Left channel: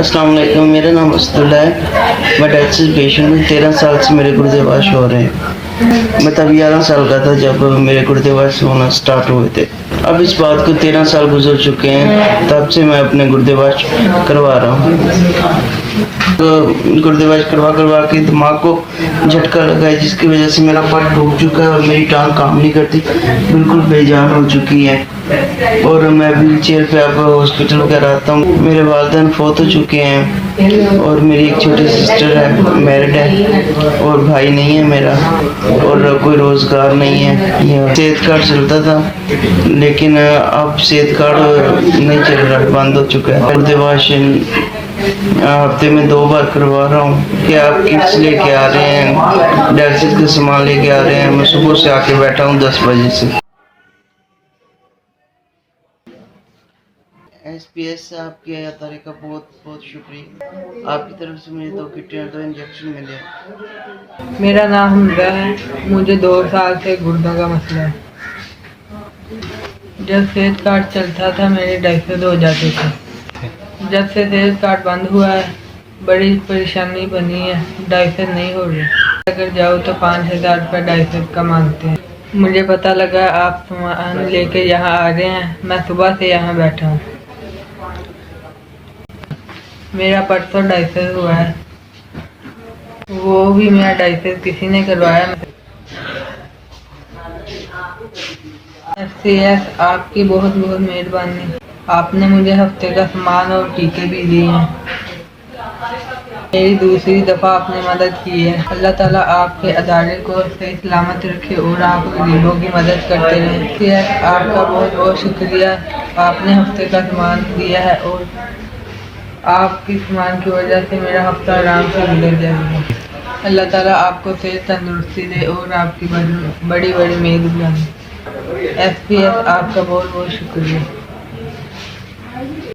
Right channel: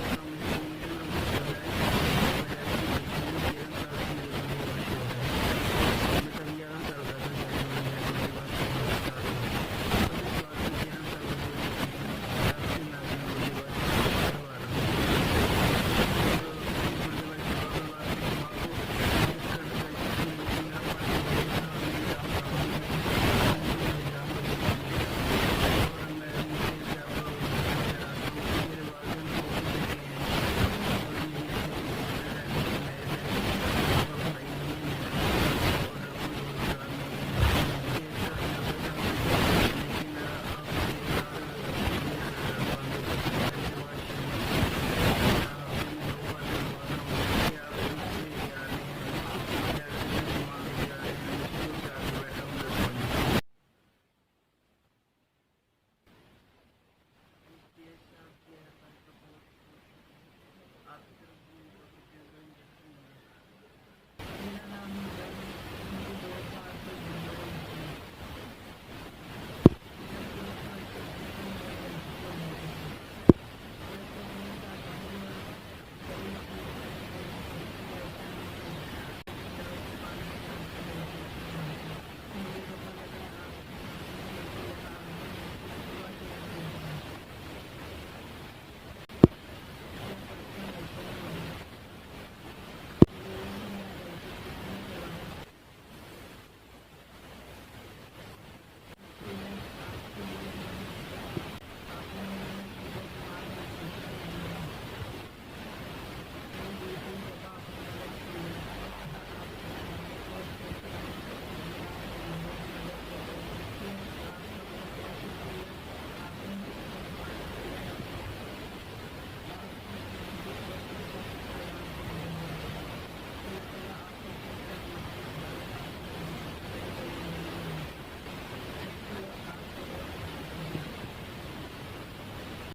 अस्सलाम वालेकुम, मेरा नाम असदुल्ला है। मैं डायलिसिस पेशेंट हूँ। 13 साल से मेरे गुर्दे वाश हो रहे हैं। मैं तब 11 साल का था जब मेरे गुर्दे वाश होना स्टार्ट हुए थे। अब इस बात को 13 साल गुजर चुके हैं, तब से मैं अपने गुर्दे वाश करवा रहा हूँ। तो गुर्दे वाश करवा करवा के दिमाग को झटका लगा है, जिसकी वजह से मेरा पट टूट चुका है और मेरी टांग काम नहीं करती, बिल्कुल बेजान हो चुकी है। और मैं व्हील चेयर पे अब हॉस्पिटल वगैरह आता हूँ। मेरे वालिदैन फौत हो चुके हैं और मेरी एक छोटी सिस्टर है, मैरिड है, और भाई नहीं है मेरा, और कोई रोज़गार नहीं है। सेहत कार्ड चलता था, लेकिन अब सेहत कार्ड नहीं चल रहा, बंद हो चुका है। गुर्दे वाश हफ्ते में 2 बार करवा रहा हूँ। कि आप किट्स लेके आ रहे हैं, डायलिसिस का सामान लेके आ रहे हैं। मैं सुबह से आके बैठा हूँ 10 बजे से। SPS से आपके अदारे का बहुत बहुत शुक्रिया। आपकी तरफ से मुझे 2 किटें और 2 इंजेक्शन मिले। मेरा नाम हमजा है। मुझे 2 साल से गुर्दों का मसला है। जब सेहत कार्ड चलता था मेरे डायलिसिस हो जाते थे। जब से सेहत कार्ड बंद हुआ है बड़ी परेशानी बनी है, डायलिसिस नहीं हो रही। अगर जाओ तो 5,000 रुपये डायलिसिस का मांगते हैं। मुझे पता लगा आप सामान लेके यहाँ आ रहे हैं, मैं सुबह से यहाँ बैठा हूँ। मेरा परसों डायलिसिस हुआ है, वो भी मेरा डायलिसिस किसी ने करवाया। FCS आपकी बहुत बहुत मेहरबानी। आपने मुझे हफ्ते का सामान और टीके भी दिए हैं। मेरी दूसरी दफ़ा आपने मदद की है। अल्लाह ताला आपके अदारे को सही सलामत रखे और आप गरीबों की मदद करते रहें। FCS आपका बहुत बहुत शुक्रिया। आपने हफ्ते का सामान दिया है और आपकी सामान की वजह से मेरा हफ्ता आराम से गुजर जाएगा। अल्लाह ताला आपको सेहत तंदुरुस्ती दे और आपकी बड़ी बड़ी मेहरबानी। FCS आपका बहुत बहुत शुक्रिया।